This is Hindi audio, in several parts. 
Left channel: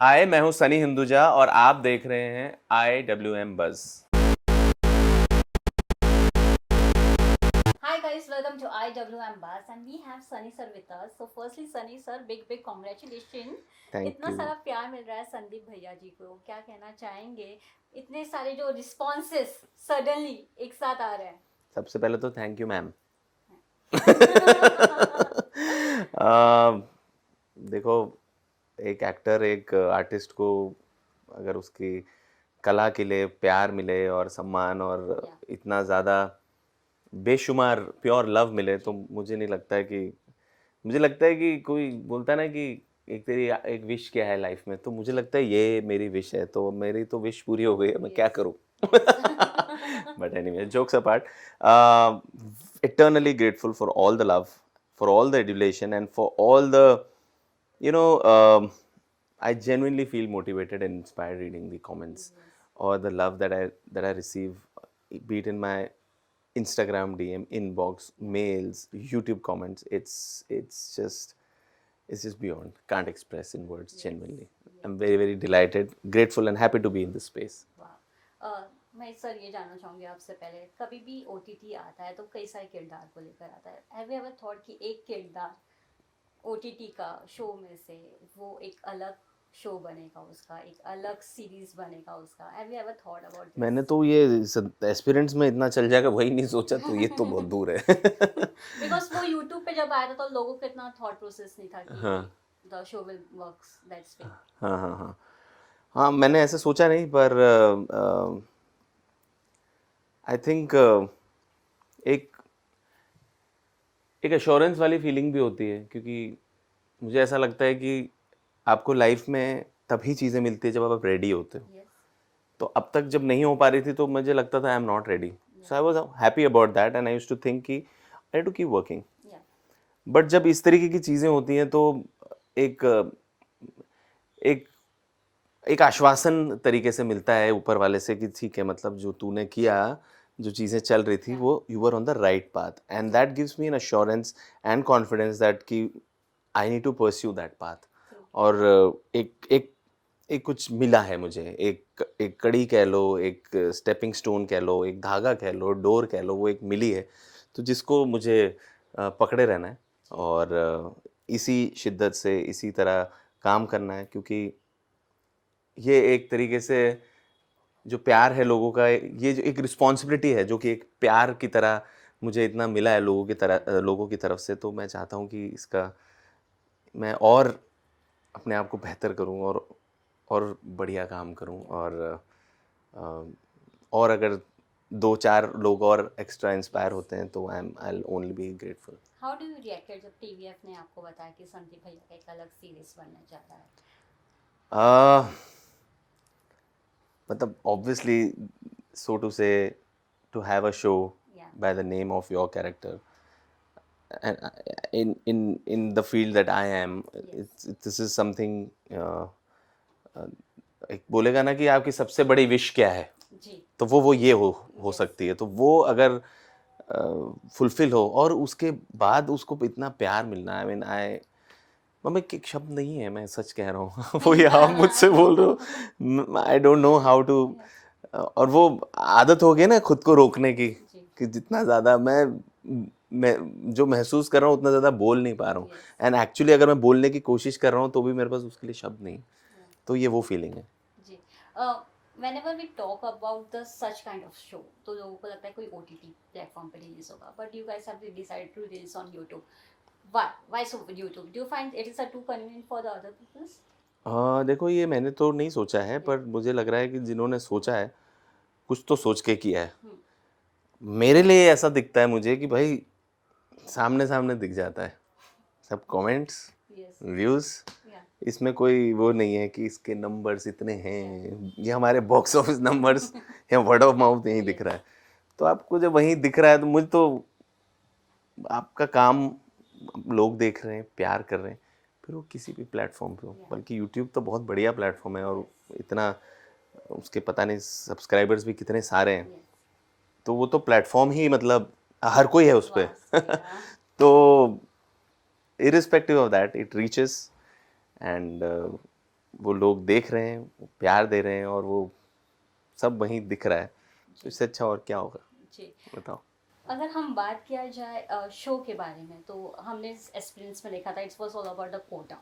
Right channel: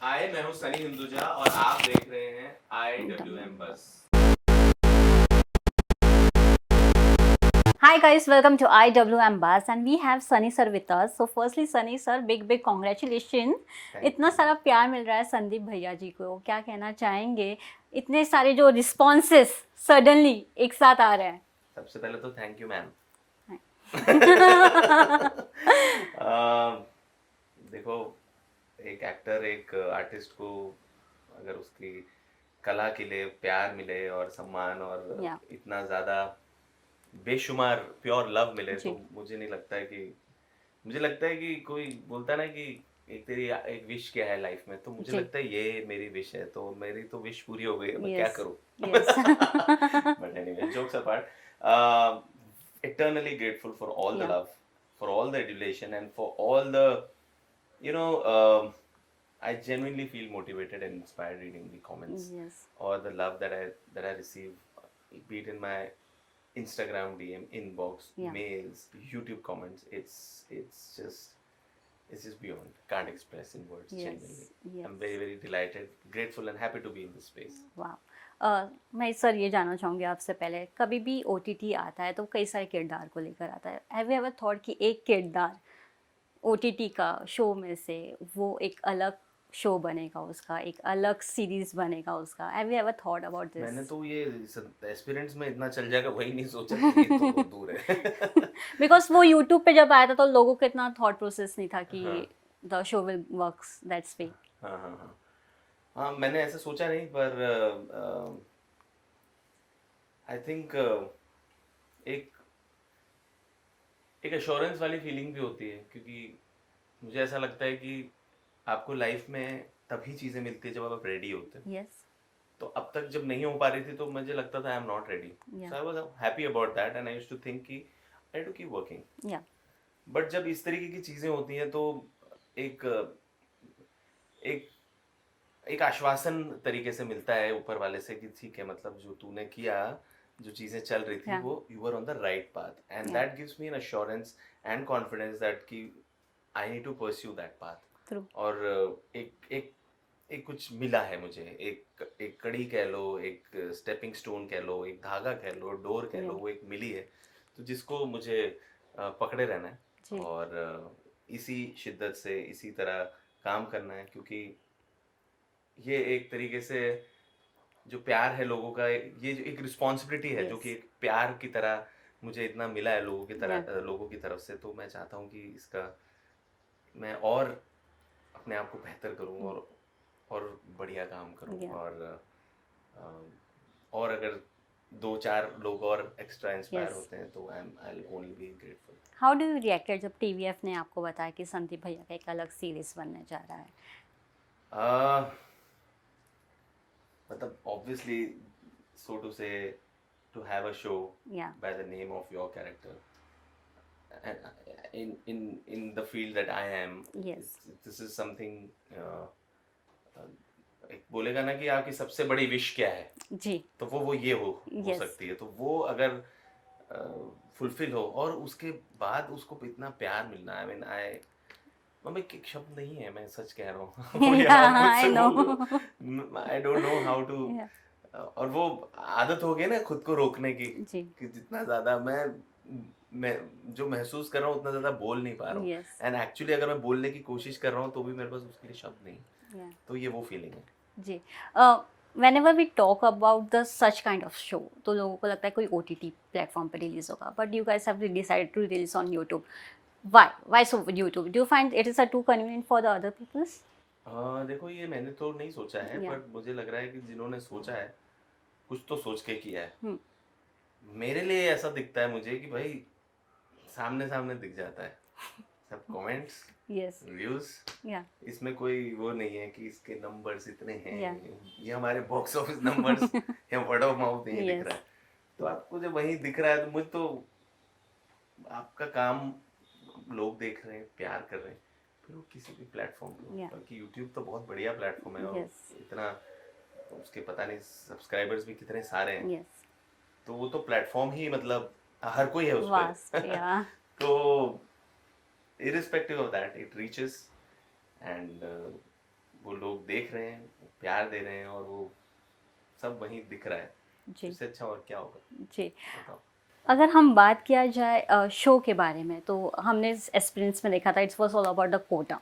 हाय, मैं हूँ सनी हिंदुजा और आप देख रहे हैं IWM buzz. Hi guys, welcome to IWM Buzz and we have Sunny sir with us. So firstly Sunny sir, big congratulations. Thank इतना यू। सारा प्यार मिल रहा है संदीप भैया जी को, क्या कहना चाहेंगे? इतने सारे जो रिस्पॉन्सेस सडनली एक साथ आ रहे हैं। सबसे पहले तो थैंक यू मैम। देखो, एक एक्टर एक आर्टिस्ट को अगर उसकी कला के लिए प्यार मिले और सम्मान और या इतना ज़्यादा बेशुमार प्योर लव मिले तो जी मुझे लगता है कि कोई बोलता है ना कि एक तेरी एक विश क्या है लाइफ में, तो मुझे जी लगता है ये मेरी विश है, तो मेरी तो विश पूरी हो गई है, मैं क्या यस करूं। Yes but anyway, jokes apart, eternally grateful for all the या love, for all the adulation, and for all the, you know, I genuinely feel motivated and inspired reading the comments yes or the love that I receive, be it in my Instagram DM, inbox, या mails, YouTube comments. It's just beyond. Can't express in words. Yes Genuinely, I'm yes very very delighted, grateful, and happy to be in this space. वाह मैं सर ये जानना चाहूँगी आपसे पहले, कभी भी OTT आता है तो कई सारे किरदार को लेकर आता है। हैव यू एवर थॉट कि एक किरदार OTT का शो में से वो एक अलग शो बनेगा, उसका एक अलग सीरीज बनेगा उसका? Have you ever thought about मैंने दिस? तो ये एस्पिरेंट्स में इतना चल जाएगा वही नहीं सोचा, तो ये तो बहुत दूर है। बिकॉज वो यूट्यूब पे जब आया था तो लोगों को इतना थॉट प्रोसेस नहीं था कि हाँ the show will works that's way. हाँ हाँ हाँ हाँ, मैंने ऐसे सोचा नहीं, पर आई थिंक एक एक एश्योरेंस वाली फीलिंग भी होती है, क्योंकि मुझे ऐसा लगता है कि आपको लाइफ में तभी चीज़ें मिलती है जब आप रेडी होते हो। यस तो अब तक जब नहीं हो पा रही थी तो मुझे लगता था I am not ready, yeah so I was happy about that and I used to think कि I to keep working. Yeah but जब इस तरीके की चीज़ें होती हैं तो एक एक एक आश्वासन तरीके से मिलता है ऊपर वाले से कि ठीक है, मतलब जो तूने किया, जो चीज़ें चल रही थी या वो you were on the right path, and yeah that gives me an assurance and confidence that कि I need to pursue that path. True और एक एक एक कुछ मिला है मुझे, एक एक कड़ी कह लो, एक स्टेपिंग स्टोन कह लो, एक धागा कह लो, डोर कह ट्रू लो, वो एक मिली है, तो जिसको मुझे पकड़े रहना है जी और इसी शिद्दत से इसी तरह काम करना है, क्योंकि ये एक तरीके से जो प्यार है लोगों का, ये जो एक रिस्पॉन्सिबिलिटी है जो कि यस एक प्यार की तरह मुझे इतना मिला है लोगों की तरह, या लोगों की तरफ से, तो मैं चाहता हूँ कि इसका मैं और अपने आप को बेहतर करूँ और बढ़िया काम करूँ, या अ, और अगर 2-4 लोग और एक्स्ट्रा इंस्पायर यस होते हैं तो I will only be grateful. How do you reacted जब TVF ने आपको बताया कि संदीप भैया का एक अलग सीरीज बनने जा रहा है? अ, मतलब ऑब्वियसली, सो टू से, to have a show या by the name of your character, and in the field that I am, yes this is something, uh, एक बोलेगा ना कि आपकी सबसे बड़ी विश क्या है, जी तो वो ये हो यस सकती है, तो वो अगर फुलफिल हो और उसके बाद उसको इतना प्यार मिलना, आई मीन आई, मैं एक शब्द नहीं है, मैं सच कह रहा हूँ। वो ये आप आई मुझसे नो बोल रहे हो, I don't know how to, या और वो आदत हो गई ना खुद को रोकने की, जी कि जितना ज़्यादा मैं जो महसूस कर रहा हूँ उतना ज़्यादा बोल नहीं पा रहा हूँ, यस एंड एक्चुअली अगर मैं बोलने की कोशिश कर रहा हूँ तो भी मेरे पास उसके लिए शब्द नहीं, या तो ये वो फीलिंग है। जी whenever we talk about the such kind of show तो लोगों को लगता है कोई OTT प्लेटफॉर्म पे रिलीज होगा, but you guys have decided to release on YouTube. Why so YouTube? Do you find it is a too convenient for the other peoples? देखो, ये मैंने तो नहीं सोचा है, Yeah. पर मुझे लग रहा है कि जिन्होंने सोचा है कुछ तो सोच के किया है। Hmm. मेरे लिए ऐसा दिखता है मुझे कि भाई सामने सामने दिख जाता है सब कमेंट्स, Yes. Views, Yeah. इसमें कोई वो नहीं है कि इसके नंबर्स इतने Yeah. हैं, ये हमारे बॉक्स ऑफिस नंबर्स या वर्ड ऑफ माउथ यहीं दिख Yes. रहा है। तो आपको जब वहीं दिख रहा है तो मुझे तो आपका काम लोग देख रहे हैं, प्यार कर रहे हैं, फिर वो किसी भी प्लेटफॉर्म पे हो, Yeah. बल्कि यूट्यूब तो बहुत बढ़िया प्लेटफॉर्म है और Yes. इतना उसके पता नहीं सब्सक्राइबर्स भी कितने सारे हैं, Yes. तो वो तो प्लेटफॉर्म ही, मतलब हर कोई है उस पे। Vast. Yeah. तो irrespective of that, it reaches, and वो लोग देख रहे हैं, वो प्यार दे रहे हैं और वो सब वहीं दिख रहा है, तो जी इससे अच्छा और क्या होगा, जी। बताओ। अगर हम बात किया जाए शो के बारे में, तो हमने इस एक्सपीरियंस में देखा था, it's was all about the Kota,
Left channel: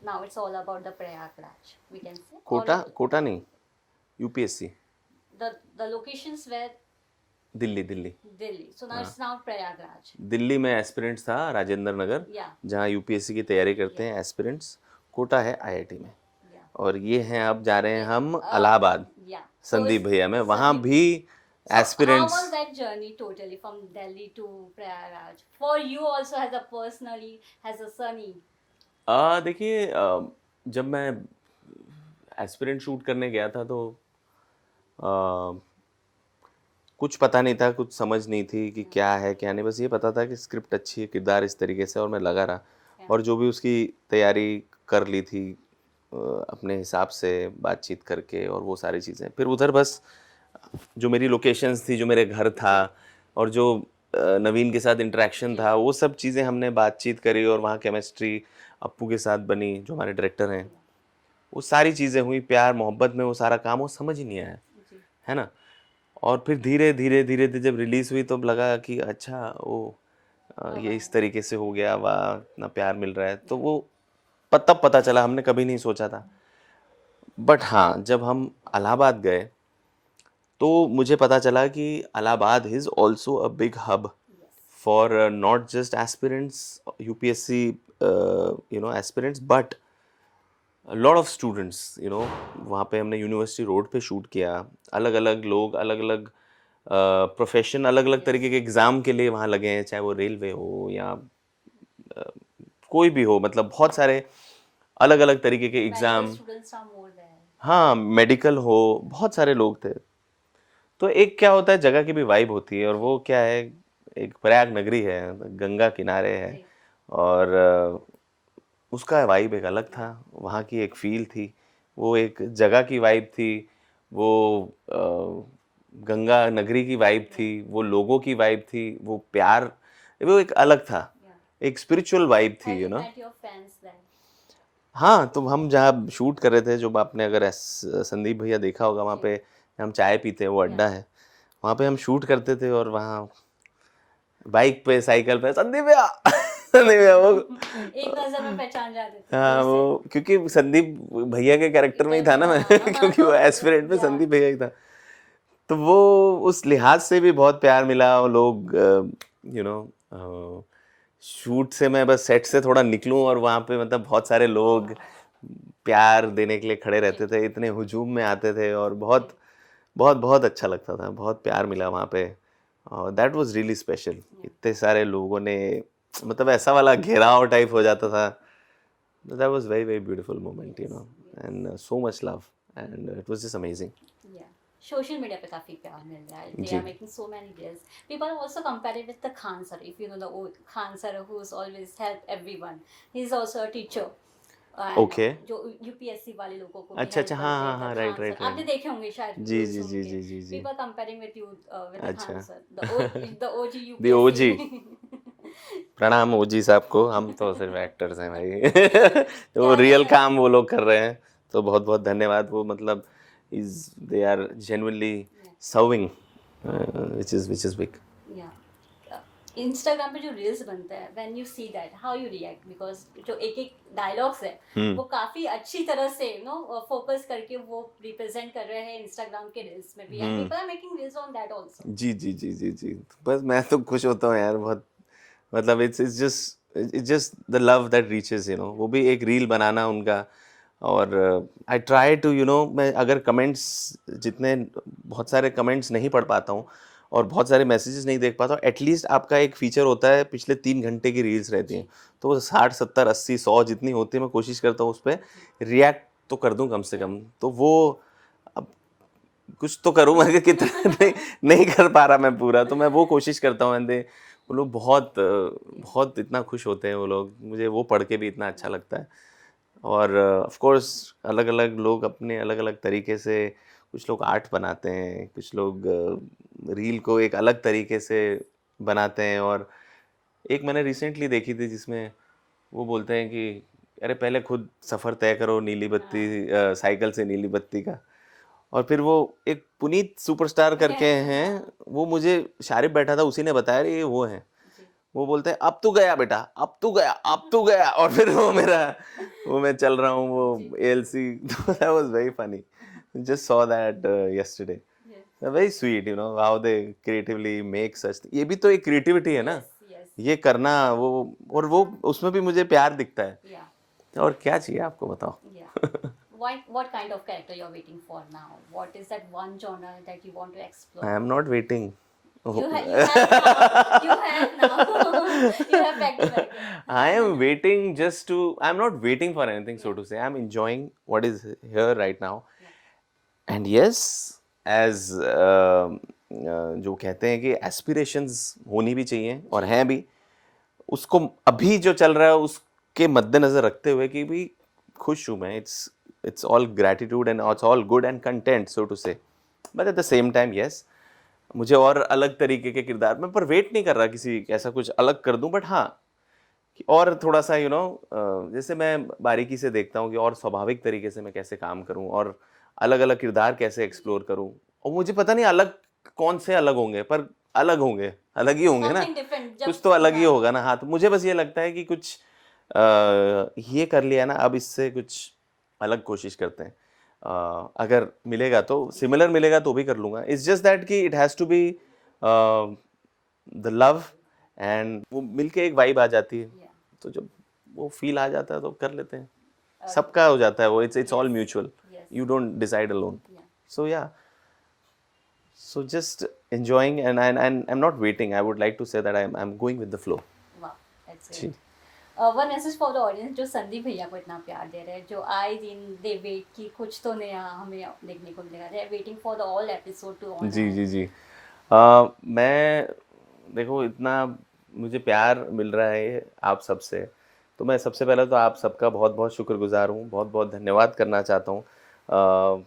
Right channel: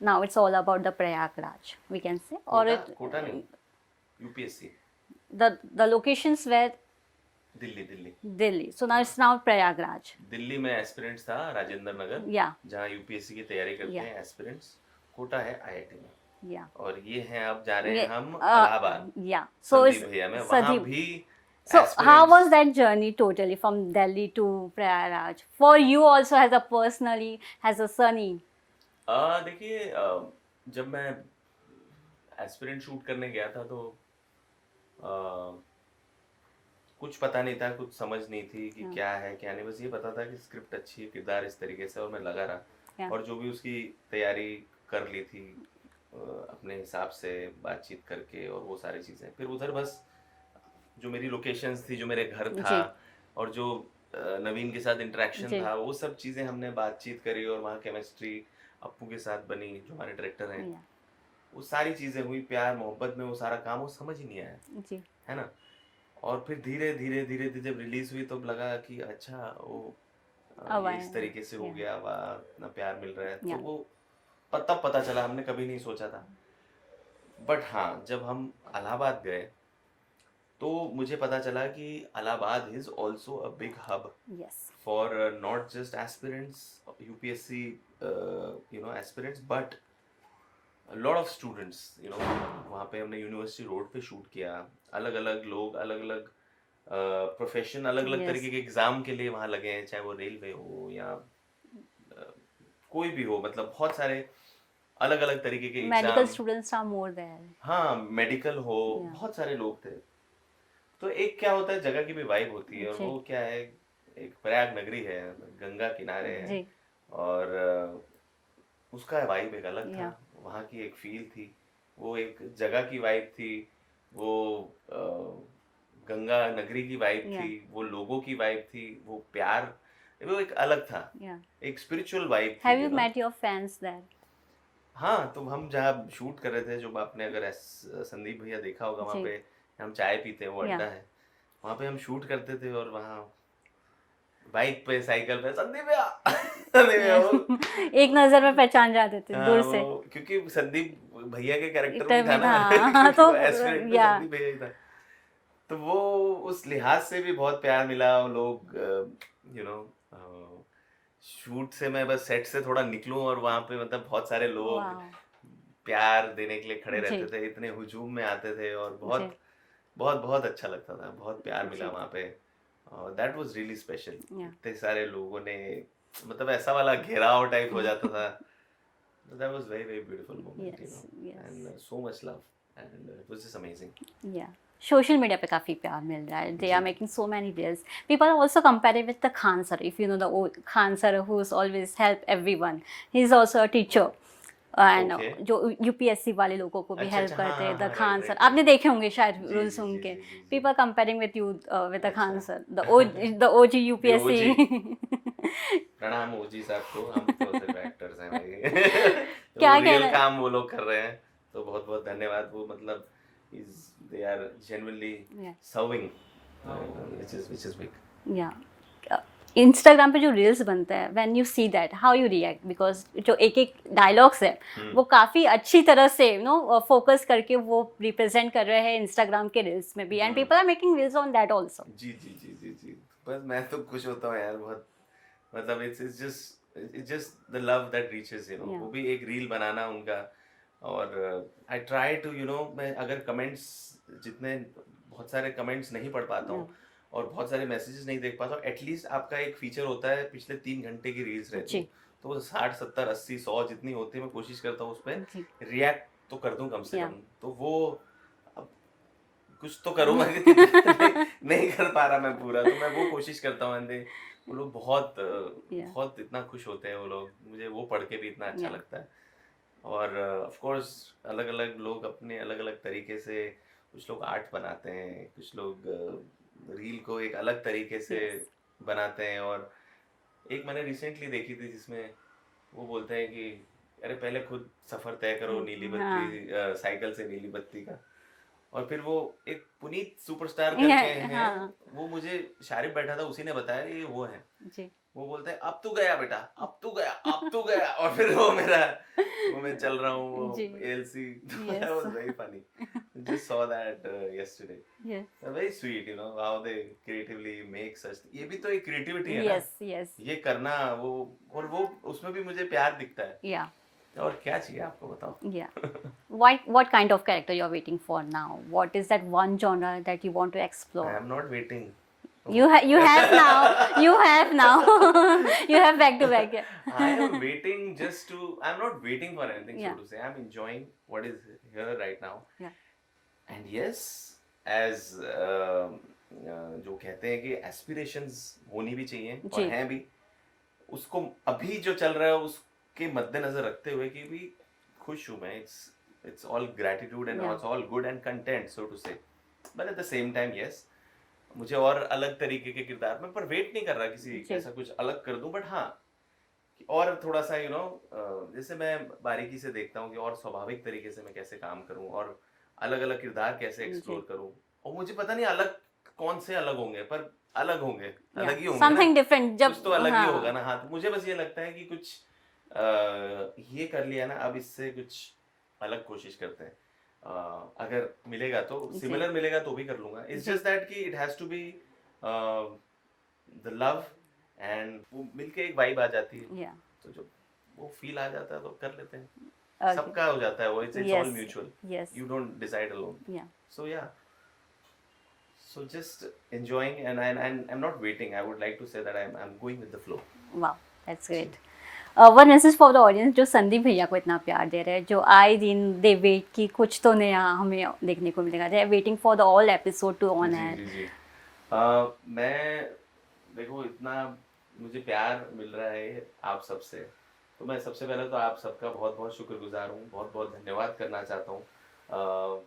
now it's all about the Prayagraj we can say, और कोटा, कोटा नहीं, UPSC, the locations where Delhi, Delhi. Delhi, so now हाँ, इट्स नाउ प्रयागराज। दिल्ली में एस्पिरेंट्स था राजेंद्र नगर, या जहाँ यूपीएससी की तैयारी करते या हैं एस्पिरेंट्स। कोटा है आईआईटी में। या और ये हैं, अब जा रहे हैं ये हम इलाहाबाद, या सो संदीप इस भैया में, वहाँ सदीप, भी so how aspirants. was that journey totally from Delhi to Prayaraj for you also as a personally as a Sunny? देखिए, जब मैं एस्पिरेंट शूट करने गया था तो अ, कुछ पता नहीं था, कुछ समझ नहीं थी कि Yeah, क्या है क्या नहीं, बस ये पता था कि स्क्रिप्ट अच्छी है, किरदार इस तरीके से, और मैं लगा रहा। yeah, और जो भी उसकी तैयारी कर ली थी अपने हिसाब से बातचीत करके और वो सारी चीज़ें, फिर उधर बस जो मेरी लोकेशंस थी, जो मेरे घर था, जी, और जो नवीन के साथ इंटरेक्शन जी, था, वो सब चीज़ें हमने बातचीत करी और वहाँ केमिस्ट्री अप्पू के साथ बनी, जो हमारे डायरेक्टर हैं। yeah, वो सारी चीज़ें हुई, प्यार मोहब्बत में वो सारा काम वो समझ ही नहीं आया, जी, है ना? और फिर धीरे धीरे धीरे धीरे जब रिलीज हुई तो लगा कि अच्छा, वो अब ये आए, इस तरीके से हो yeah, गया, वाह इतना प्यार मिल रहा है, तो yeah, वो तब पता चला, हमने कभी नहीं सोचा था। बट हाँ, जब हम इलाहाबाद गए तो मुझे पता चला कि Allahabad is also a big hub yes, for not just aspirants, UPSC aspirants, but lot of students, वहाँ पे हमने यूनिवर्सिटी रोड पे शूट किया। अलग अलग लोग, अलग अलग प्रोफेशन, अलग अलग yes, तरीके के एग्ज़ाम के लिए वहाँ लगे हैं, चाहे वो रेलवे हो या अ, कोई भी हो, मतलब बहुत सारे अलग अलग तरीके के medical exam. students are more there, हाँ, मेडिकल हो, yeah, बहुत सारे लोग थे। तो एक क्या होता है, जगह की भी वाइब होती है, और जी, वो क्या है, एक प्रयाग नगरी है, गंगा किनारे है, जी, और उसका वाइब एक अलग था, yeah, वहाँ की एक फ़ील थी, वो एक जगह की वाइब थी, वो गंगा नगरी की वाइब थी, yeah, वो लोगों की वाइब थी, वो प्यार, वो एक अलग था, yeah. एक स्पिरिचुअल वाइब थी, Have you met your fans there? हाँ, तो हम जहाँ शूट कर रहे थे, जो आपने अगर संदीप भैया देखा होगा, वहाँ जी, पे हम चाय पीते हैं, वो yeah. अड्डा है, वहाँ पे हम शूट करते थे, और वहाँ बाइक पे, साइकिल पे, संदीप भैया संदीप भैया, वो एक नज़र में पहचान जाते थे हाँ, दूर से। वो क्योंकि संदीप भैया के कैरेक्टर में ही था इंटरव्यू, ना मैं हाँ, क्योंकि तो वो एस्पिरेंट में या संदीप भैया ही था। तो वो उस लिहाज से भी बहुत प्यार मिला, और लोग यू नो शूट से मैं बस सेट से थोड़ा निकलूं और वहां पे मतलब बहुत सारे लोग वाह, प्यार देने के लिए खड़े रहते जी, थे, इतने हुजूम में आते थे, और जी, बहुत बहुत बहुत अच्छा लगता था, बहुत प्यार मिला जी, वहाँ पे, और दैट वाज रियली स्पेशल। या इतने सारे लोगों ने, मतलब ऐसा वाला घेराव टाइप हो जाता था, that was very very beautiful moment, yes, yes, and so much love, and it was just amazing। या सोशल मीडिया पे काफ़ी प्यार मिल रहा है, दे आर जी, making so many reels, people are also compare with the Khan sir, if you know the Khan sir who is always help everyone, he is also a teacher, and okay, जो यूपीएससी वाले लोगों को भी अच्छा हेल्प अच्छा, हाँ करते हाँ हैं, द हाँ, राइट खान सर राइट आपने राइट, देखे होंगे शायद जी रूल्स जी जी उनके, जी जी जी, people comparing with you with the Khan अच्छा sir, the OG the OG, UPSC. प्रणाम ओजी साहब को, हम तो सिर्फ एक्टर्स हैं भाई तो वो क्या रियल कहना है? काम वो लोग कर रहे हैं, तो बहुत बहुत धन्यवाद, वो मतलब is they are genuinely Yeah. Serving, which is big। या इंस्टाग्राम पे जो रील्स बनते हैं, when you see that how you react, because जो एक एक डायलॉग्स है हम्म, वो काफ़ी अच्छी तरह से फोकस करके वो रिप्रेजेंट कर रहे हैं इंस्टाग्राम के रील्स में भी, and hmm, people are making reels on that also. जी जी जी जी जी, बस मैं तो खुश होता हूँ यार बहुत, मतलब it's just the love that reaches, या वो भी एक रील बनाना उनका, और आई ट्राई टू, मैं अगर कमेंट्स, जितने बहुत सारे कमेंट्स नहीं पढ़ पाता या हूँ और बहुत सारे मैसेजेस नहीं देख पाता हूँ, एटलीस्ट आपका एक फीचर होता है, पिछले 3 घंटे की रील्स रहती हैं, जी तो वो 60 70 80 100 जितनी होती है, मैं कोशिश करता हूँ उस पर जी रिएक्ट तो कर दूँ कम से या कम, तो वो अब कुछ तो करूँ मैं कि कितना नहीं कर पा रहा मैं पूरा, तो मैं वो कोशिश करता हूँ, एंड वो लोग बहुत या बहुत इतना खुश होते हैं वो लोग, मुझे वो पढ़ के भी इतना अच्छा या लगता है। और ऑफ कोर्स अलग अलग लोग अपने अलग अलग तरीके से, कुछ लोग आर्ट बनाते हैं, कुछ लोग रील को एक अलग तरीके से यस बनाते हैं, और एक मैंने रिसेंटली देखी थी जिसमें वो बोलते हैं कि अरे पहले खुद सफर तय करो नीली बत्ती साइकिल से नीली बत्ती का। और फिर वो एक पुनीत सुपरस्टार करके हैं, हाँ वो मुझे शारिब बैठा था उसी ने बताया ये वो है। जी वो बोलते हैं अब तू गया बेटा, अब तू गया, अब तू गया, और फिर वो मैं चल रहा हूँ वो जी एएलसी। तो that yes was very funny, just saw that yesterday, yes very sweet, you know how they creatively make such, ये भी तो एक क्रिएटिविटी है ना, यस यस ये करना वो, और वो उसमें भी मुझे प्यार दिखता है। या और क्या चाहिए आपको बताओ। yeah what kind of character you're waiting for now? What is that one genre that you want to explore? I am not waiting. You have now. You have now. You have back to back. Yeah. I am waiting just to, I'm not waiting for anything, so Yeah. to say. I'm enjoying what is here right now. Yeah. And yes, as जो कहते हैं कि aspirations होनी भी चाहिए और जी. हैं भी, उसको अभी जो चल रहा है उसके मद्देनजर रखते हुए कि भी खुश हूँ मैं, it's all gratitude and Yeah. it's all good and content, so to say. But at the same time, yes, मुझे और अलग तरीके के किरदार में, पर वेट नहीं कर रहा किसी ऐसा कुछ अलग कर दूं, बट हाँ कि और थोड़ा सा यू नो जैसे मैं बारीकी से देखता हूँ कि और स्वाभाविक तरीके से मैं कैसे काम करूँ और अलग अलग किरदार कैसे एक्सप्लोर करूँ, और मुझे पता नहीं अलग कौन से अलग होंगे, पर अलग होंगे, अलग ही होंगे ना, Something different. जब कुछ तो अलग ही हाँ. होगा ना। हाँ, तो मुझे बस ये लगता है कि कुछ ये कर लिया ना, अब इससे कुछ अलग कोशिश करते हैं। अगर मिलेगा तो सिमिलर मिलेगा तो भी कर लूंगा। इट्स जस्ट दैट कि it has to be the love, and वो मिलके एक वाइब आ जाती है, Yeah. तो जब वो फील आ जाता है तो कर लेते हैं। Okay. सबका हो जाता है वो, it's all Yes. Mutual, Yes. You don't decide alone. Yeah. So yeah, so just enjoying, and I'm not waiting. I would like to say that I'm going with the flow. Wow, that's great. One message for the audience जो संदीप भैया को इतना प्यार दे रहे हैं, जो आए दिन दे वेट की कुछ तो नया हमें देखने को मिलेगा, they waiting for the all episode two on जी जी जी। मैं देखो इतना मुझे प्यार मिल रहा है आप सबसे, तो मैं सबसे पहले तो आप सबका बहुत बहुत शुक्रगुजार हूँ, बहुत बहुत धन्यवाद करना चाहता हूँ।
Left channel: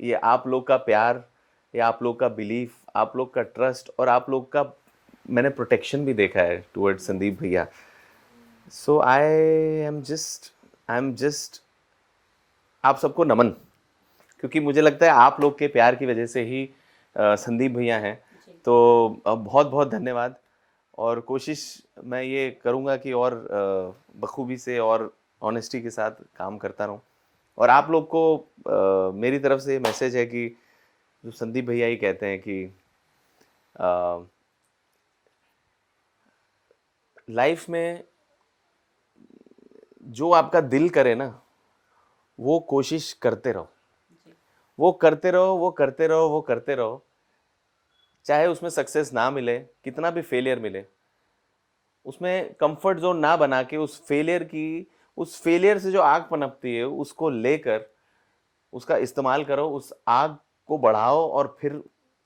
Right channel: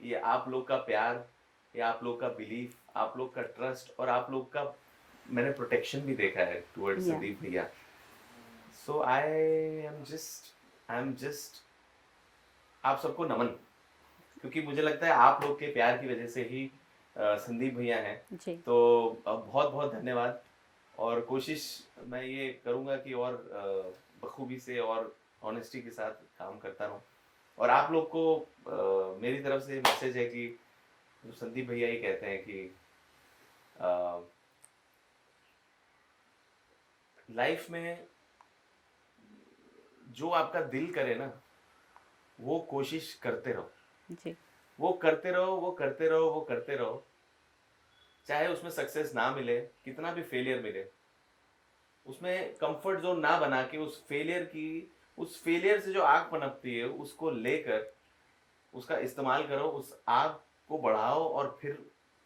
ये आप लोग का प्यार, ये आप लोग का बिलीफ, आप लोग का ट्रस्ट, और आप लोग का मैंने प्रोटेक्शन भी देखा है टुवर्ड Yeah. संदीप भैया। सो आई एम जस्ट आप सबको नमन, क्योंकि मुझे लगता है आप लोग के प्यार की वजह से ही संदीप भैया हैं। जी. तो बहुत बहुत धन्यवाद, और कोशिश मैं ये करूँगा कि और बखूबी से और ऑनेस्टी के साथ काम करता रहूँ। और आप लोग को मेरी तरफ से मैसेज है कि जो संदीप भैया ही कहते हैं कि लाइफ में जो आपका दिल करे ना, वो कोशिश करते रहो, जी. वो करते रहो, वो करते रहो, वो करते रहो, चाहे उसमें सक्सेस ना मिले, कितना भी फेलियर मिले, उसमें कंफर्ट जोन ना बना के उस फेलियर से जो आग पनपती है उसको लेकर उसका इस्तेमाल करो, उस आग को बढ़ाओ और फिर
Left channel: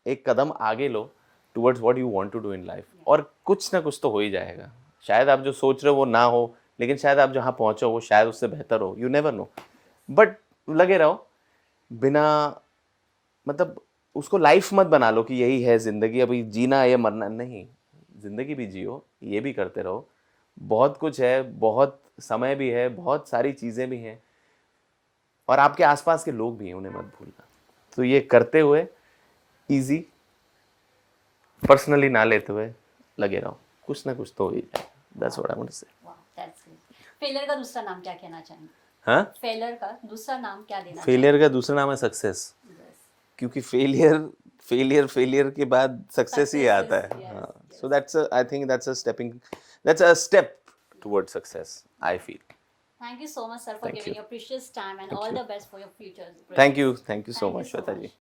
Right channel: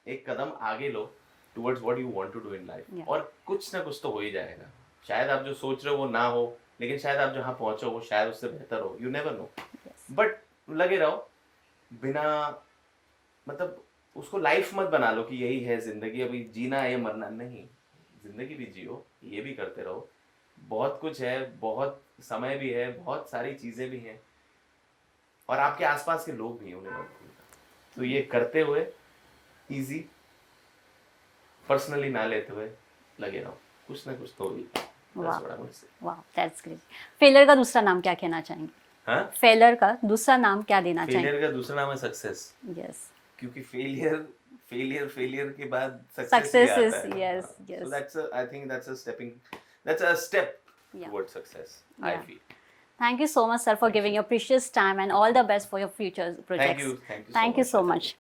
एक कदम आगे लो towards what you want to do in life. Yeah. और कुछ ना कुछ तो हो ही जाएगा। शायद आप जो सोच रहे हो वो ना हो, लेकिन शायद आप जहाँ पहुँचो वो शायद उससे बेहतर हो, यू नेवर नो। बट लगे रहो, बिना मतलब उसको लाइफ मत बना लो कि यही है ज़िंदगी, अभी जीना है या मरना नहीं, ज़िंदगी भी जियो, ये भी करते रहो, बहुत कुछ है, बहुत समय भी है, बहुत सारी चीज़ें भी हैं, और आपके आसपास के लोग भी हैं, उन्हें मत भूलना। तो ये करते हुए इजी पर्सनली ना लेते हुए लगे रहो, कुछ ना कुछ तो हो ही जाए। That's what I want to say. वाह, दैट्स ग्रेट. फेलियर का दूसरा नाम क्या कहना चाहेंगे? हाँ, फेलियर का दूसरा नाम क्या देना चाहेंगे? फेलियर का दूसरा नाम है सक्सेस, यस. क्योंकि फेलियर के बाद सक्सेस ही Success आता is- है। yes, हाँ, yes. so I think that's a step towards success, I Yeah. feel. Thank you so much, sir, for Thank giving you. your precious time, and Thank all you. the best for your future projects. Thank you so Thank you much, so Lata ji. much.